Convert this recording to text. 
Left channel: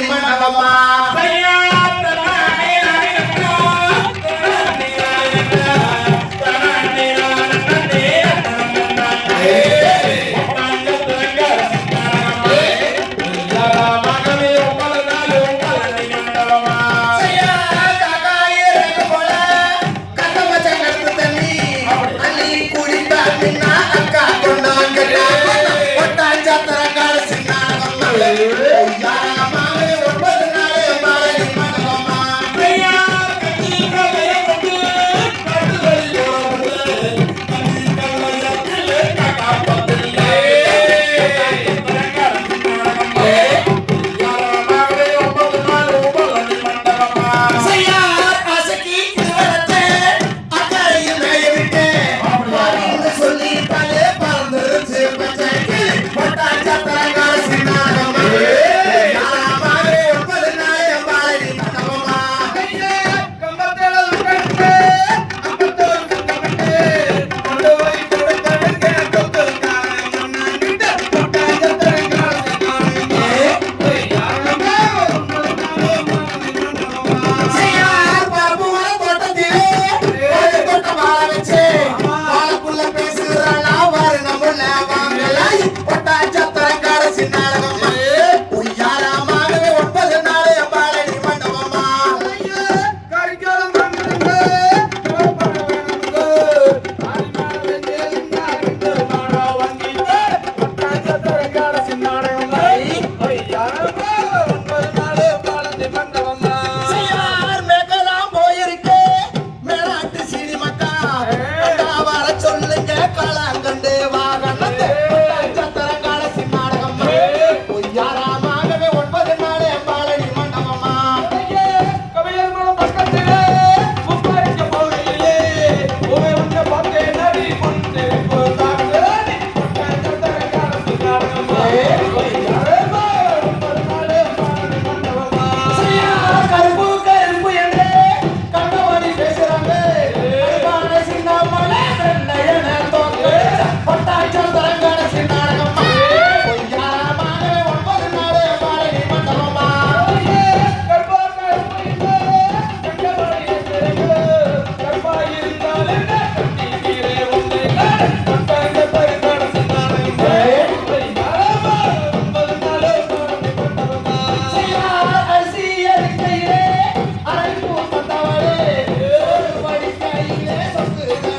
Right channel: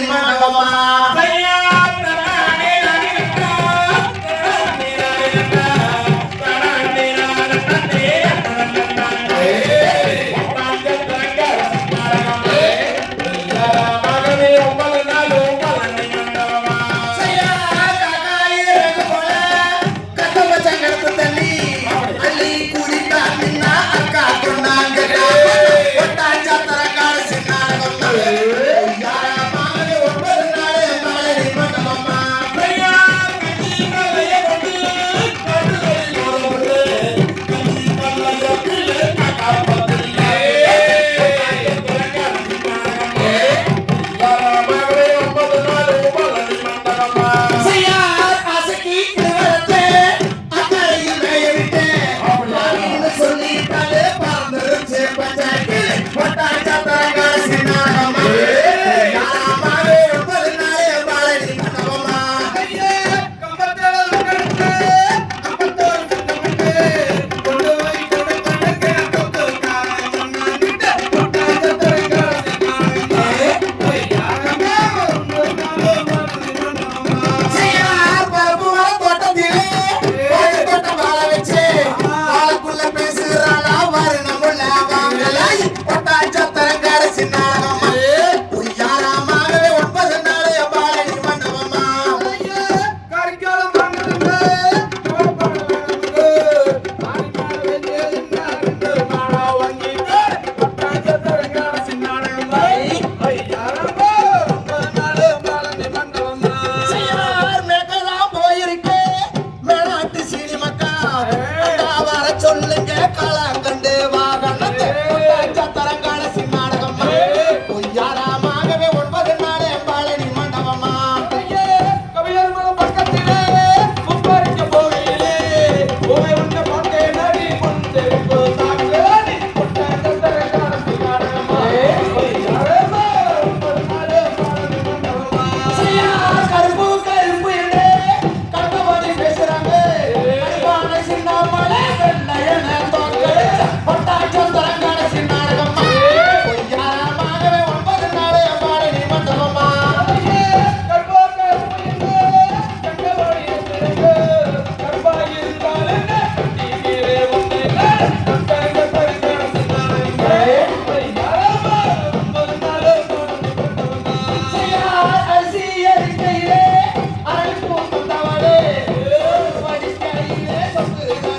مانا Thank you.